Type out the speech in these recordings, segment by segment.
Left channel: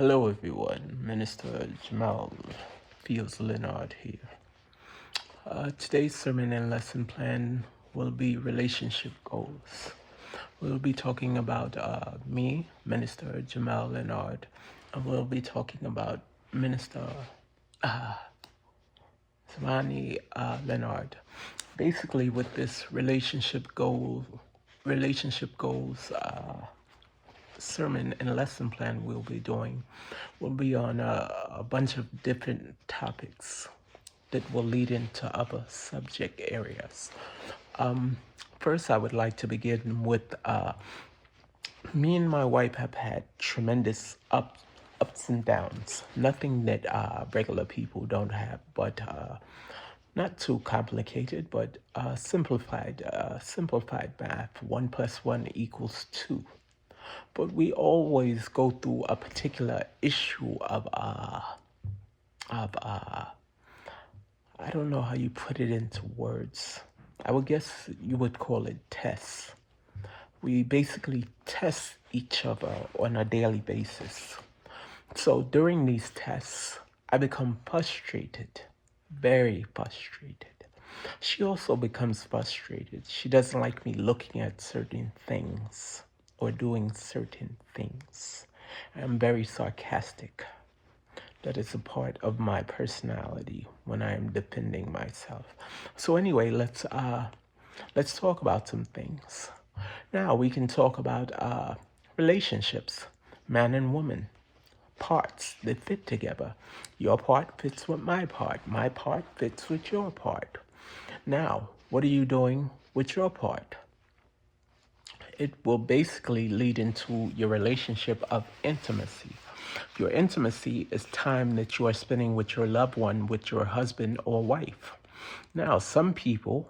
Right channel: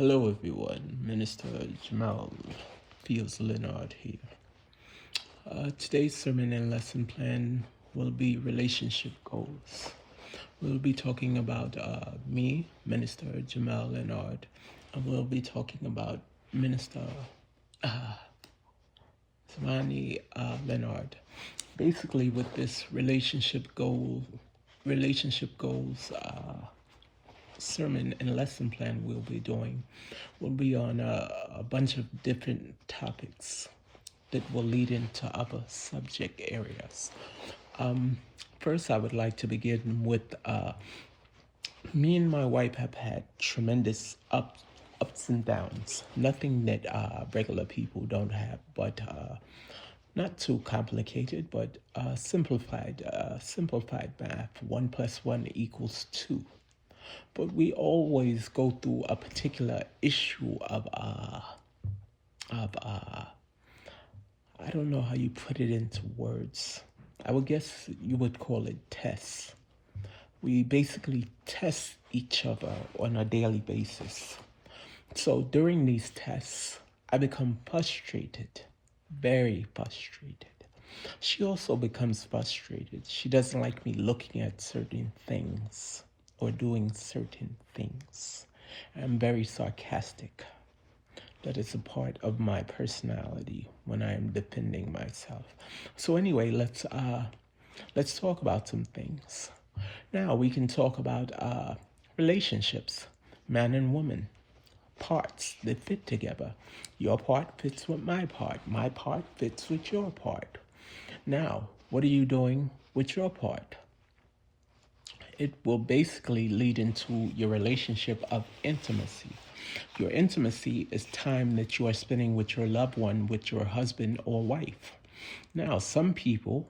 Hello everyone, Minister Jamel feels Lenard here. Today's sermon and lesson plan will be relationship goals. We'll be talking about me, Minister Jamel Lenard, and we'll be talking about Minister Lenard. Basically, with this relationship goals sermon and lesson plan we'll be doing will be on a bunch of different topics that will lead into other subject areas. First, I would like to begin with me and my wife have had tremendous ups and downs. Nothing that regular people don't have, but not too complicated, but simplified math. 1 + 1 = 2. But we always go through a particular issue of I don't know how you put it into words. I would guess you would call it tests. We basically test each other on a daily basis. So during these tests, I become frustrated, very frustrated. She also becomes frustrated. She doesn't like me looking at certain things or doing certain things. I'm very sarcastic. That is a part of my personality when I am defending myself. So anyway, let's talk about some things. Now we can talk about relationships, man and woman, parts that fit together. Your part fits with my part fits with your part. Now, what are you doing with your part? It will basically lead into your relationship of intimacy. Your intimacy is time that you are spending with your loved one, with your husband or wife. Now, some people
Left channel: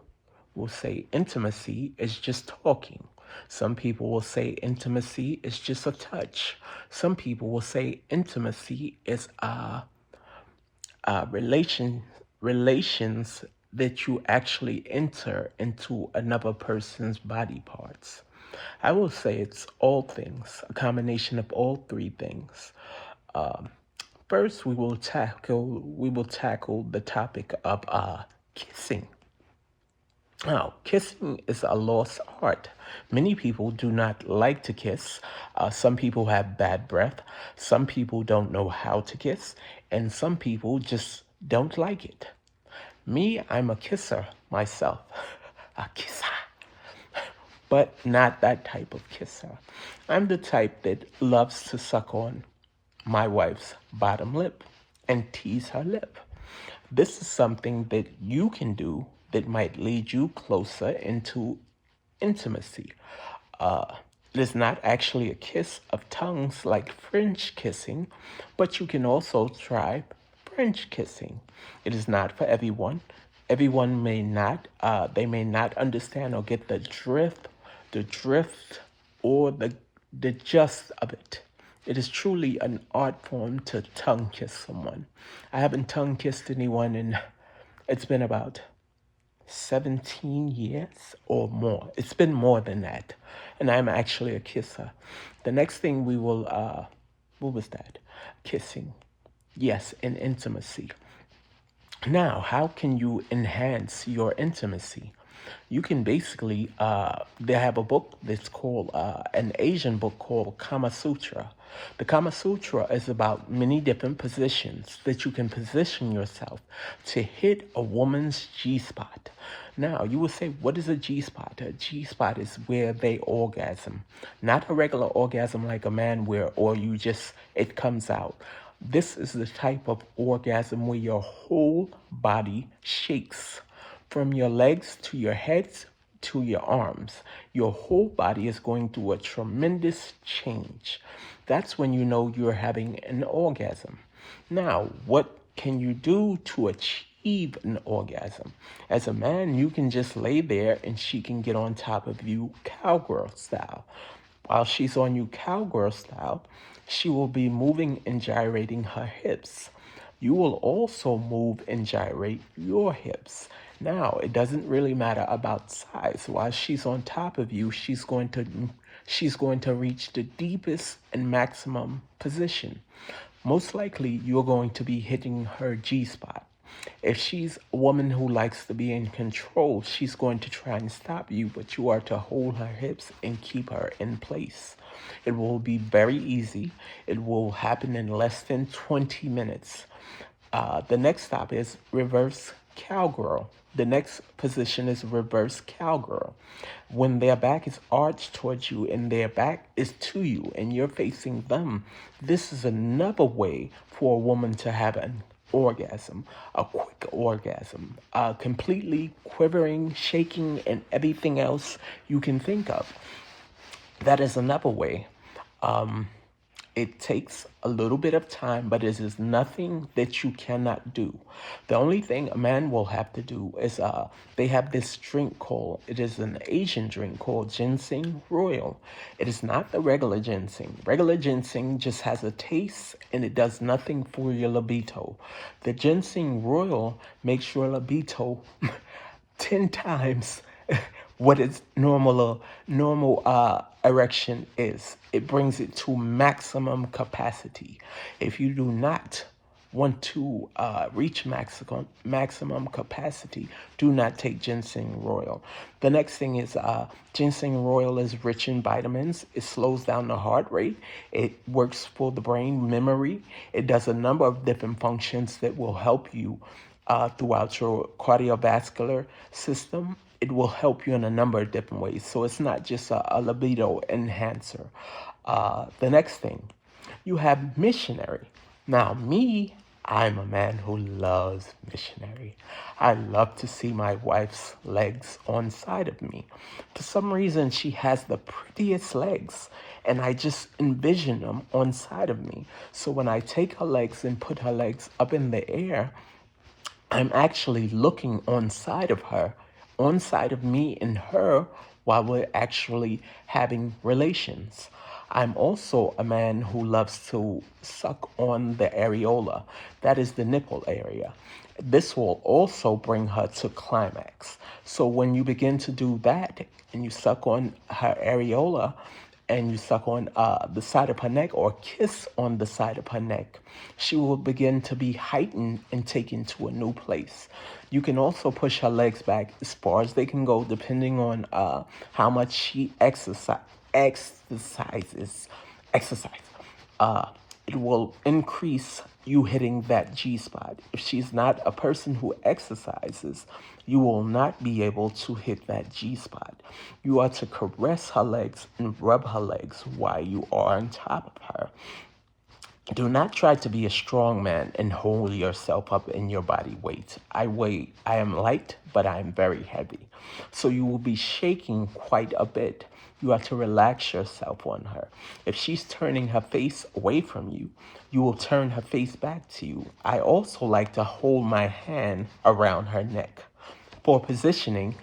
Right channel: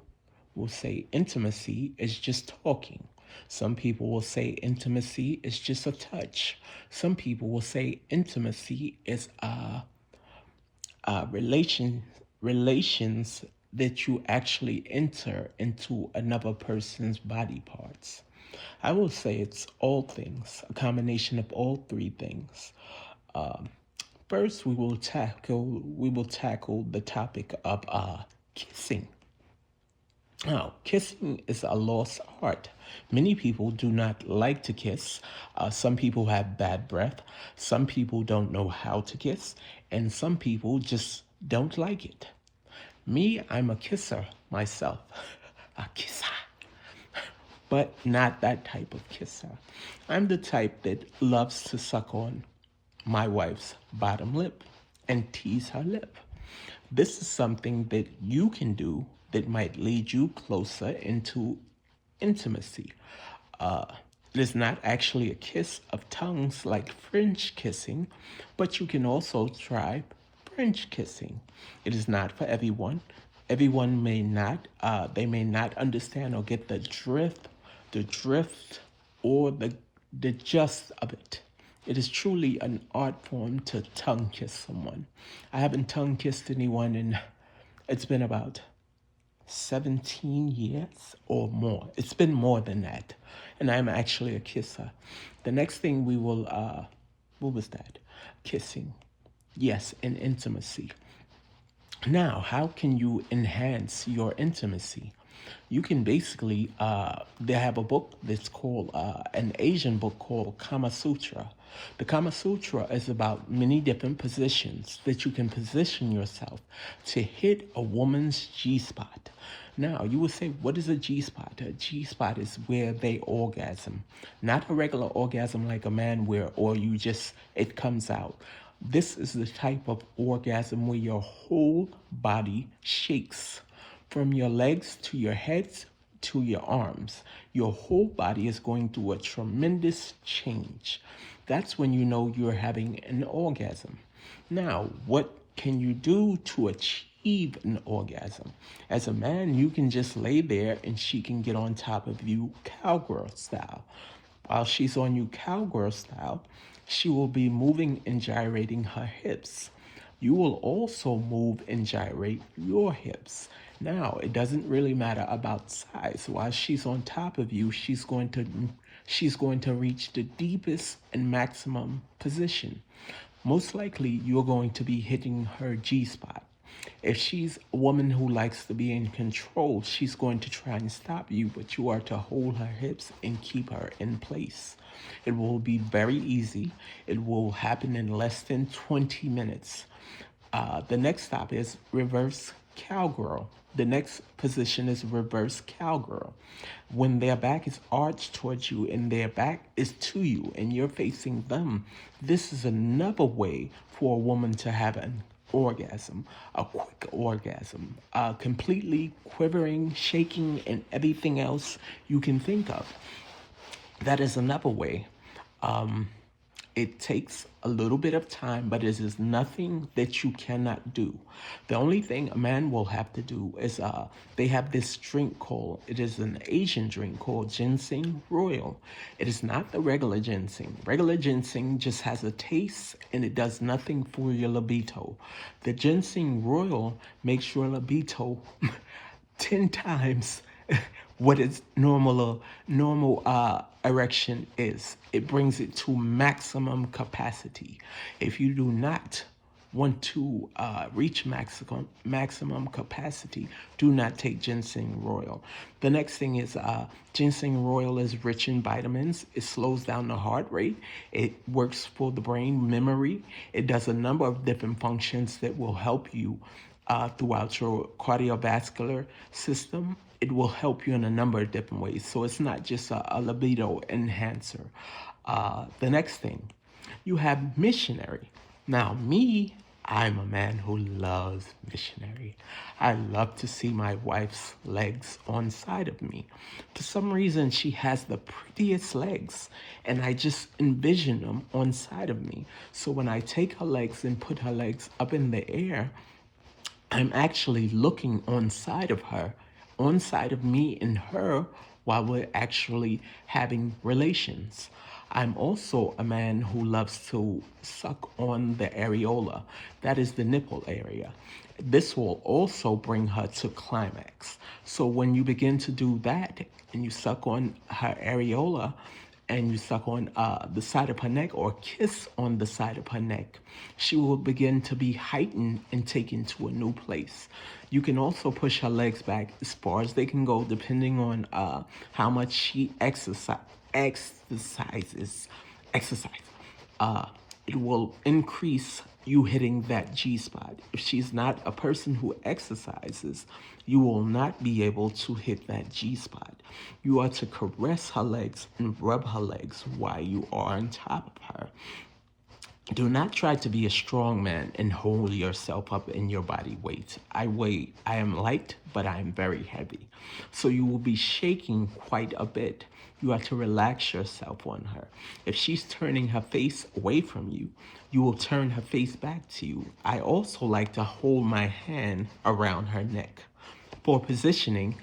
will say intimacy is just talking. Some people will say intimacy is just a touch. Some people will say intimacy is relations that you actually enter into another person's body parts. I will say it's all things, a combination of all three things. First, we will tackle the topic of kissing. Now, kissing is a lost art. Many people do not like to kiss. Some people have bad breath. Some people don't know how to kiss, and some people just don't like it. Me, I'm a kisser myself. A kisser. But not that type of kisser. I'm the type that loves to suck on my wife's bottom lip and tease her lip. This is something that you can do that might lead you closer into intimacy. It is not actually a kiss of tongues like French kissing, but you can also try French kissing. It is not for everyone. Everyone may not understand or get the drift or the gist of it. It is truly an art form to tongue kiss someone. I haven't tongue kissed anyone in, it's been about 17 years or more. It's been more than that. And I'm actually a kisser. The next thing we will, what was that? Kissing. Yes, and intimacy. Now, how can you enhance your intimacy? You can basically, they have a book that's called, an Asian book called Kama Sutra. The Kama Sutra is about many different positions that you can position yourself to hit a woman's G-spot. Now, you will say, what is a G-spot? A G-spot is where they orgasm. Not a regular orgasm like a man or you just, it comes out. This is the type of orgasm where your whole body shakes. From your legs to your heads to your arms. Your whole body is going through a tremendous change. That's when you know you're having an orgasm. Now, what can you do to achieve an orgasm? As a man, you can just lay there and she can get on top of you cowgirl style. While she's on you cowgirl style, she will be moving and gyrating her hips. You will also move and gyrate your hips. Now, it doesn't really matter about size. While she's on top of you, she's going to she's going to reach the deepest and maximum position. Most likely, you're going to be hitting her G-spot. If she's a woman who likes to be in control, she's going to try and stop you, but you are to hold her hips and keep her in place. It will be very easy. It will happen in less than 20 minutes. The next stop is reverse cowgirl. The next position is reverse cowgirl. When their back is arched towards you and their back is to you and you're facing them, this is another way for a woman to have an orgasm, a quick orgasm, completely quivering, shaking, and everything else you can think of. That is another way. It takes a little bit of time, but it is nothing that you cannot do. The only thing a man will have to do is they have this drink called, it is an Asian drink called ginseng royal. It is not the regular ginseng. Regular ginseng just has a taste and it does nothing for your libido. The ginseng royal makes your libido 10 times what its normal erection is. It brings it to maximum capacity. If you do not want to reach maximum capacity, do not take ginseng royal. The next thing is ginseng royal is rich in vitamins. It slows down the heart rate. It works for the brain memory. It does a number of different functions that will help you throughout your cardiovascular system. It will help you in a number of different ways. So it's not just a libido enhancer. The next thing, you have missionary. Now, I'm a man who loves missionary. I love to see my wife's legs on side of me. For some reason, she has the prettiest legs, and I just envision them on side of me. So when I take her legs and put her legs up in the air, I'm actually looking on side of her, on side of me and her, while we're actually having relations. I'm also a man who loves to suck on the areola. That is the nipple area. This will also bring her to climax. So when you begin to do that and you suck on her areola and you suck on the side of her neck or kiss on the side of her neck, she will begin to be heightened and taken to a new place. You can also push her legs back as far as they can go, depending on how much she exercises. It will increase you hitting that G-spot. If she's not a person who exercises, you will not be able to hit that G-spot. You are to caress her legs and rub her legs while you are on top of her. Do not try to be a strong man and hold yourself up in your body weight. I am light, but I am very heavy. So you will be shaking quite a bit. You have to relax yourself on her. If she's turning her face away from you, you will turn her face back to you. I also like to hold my hand around her neck for positioning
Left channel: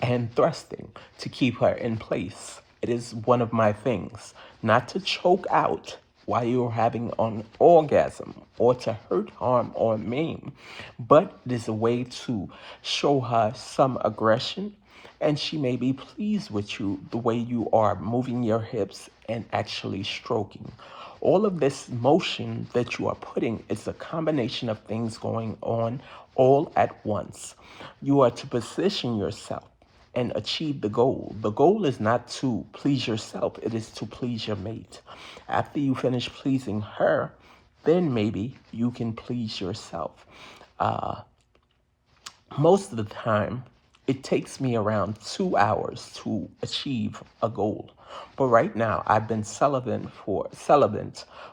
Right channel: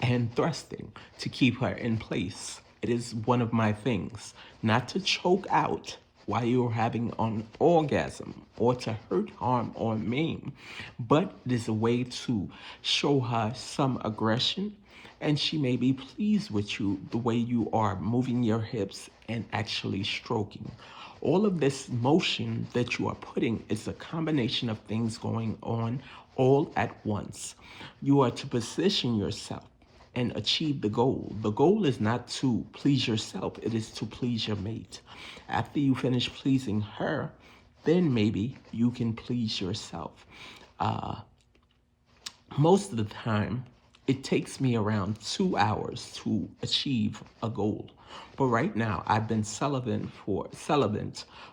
and thrusting to keep her in place. It is one of my things, not to choke out while you're having an orgasm or to hurt, harm, or maim, but it is a way to show her some aggression, and she may be pleased with you the way you are moving your hips and actually stroking. All of this motion that you are putting is a combination of things going on all at once. You are to position yourself and achieve the goal. The goal is not to please yourself, it is to please your mate. After you finish pleasing her, then maybe you can please yourself. Most of the time, it takes me around 2 hours to achieve a goal. But right now, I've been celibate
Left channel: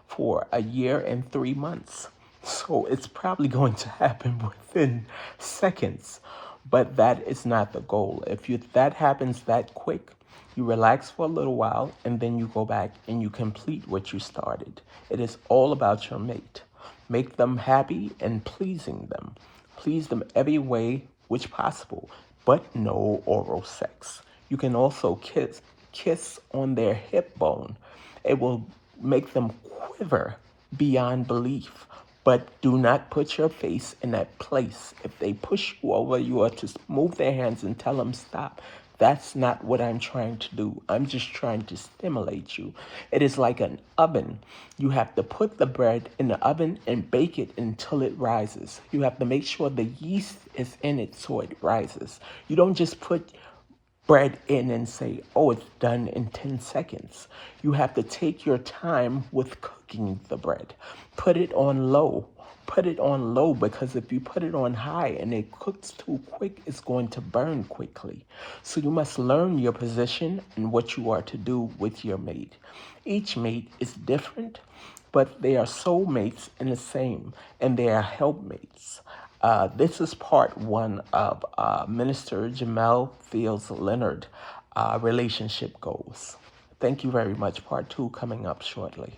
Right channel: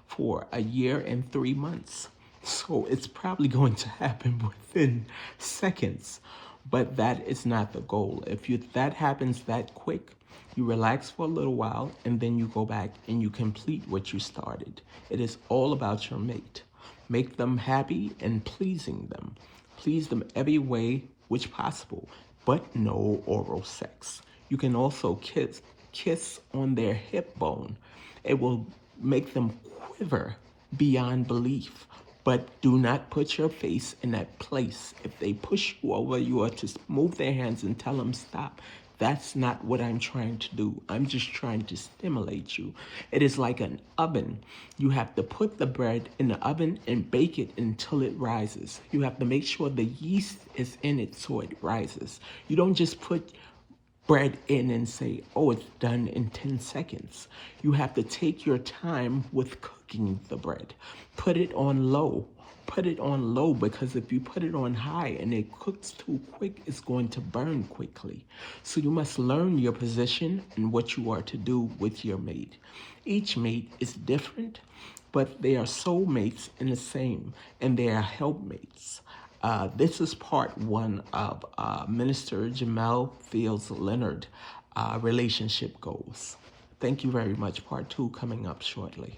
for a year and 3 months. So it's probably going to happen within seconds. But that is not the goal. If that happens that quick, you relax for a little while, and then you go back and you complete what you started. It is all about your mate. Make them happy and pleasing them. Please them every way which possible, but no oral sex. You can also kiss on their hip bone. It will make them quiver beyond belief. But do not put your face in that place. If they push you over, you are to move their hands and tell them stop. That's not what I'm trying to do. I'm just trying to stimulate you. It is like an oven. You have to put the bread in the oven and bake it until it rises. You have to make sure the yeast is in it so it rises. You don't just put bread in and say, oh, it's done in 10 seconds. You have to take your time with cooking the bread. Put it on low. Put it on low, because if you put it on high and it cooks too quick, it's going to burn quickly. So you must learn your position and what you are to do with your mate. Each mate is different, but they are soulmates in the same, and they are helpmates. This is part one of Minister Jamel Fields Lenard relationship goals. Thank you very much. Part two coming up shortly.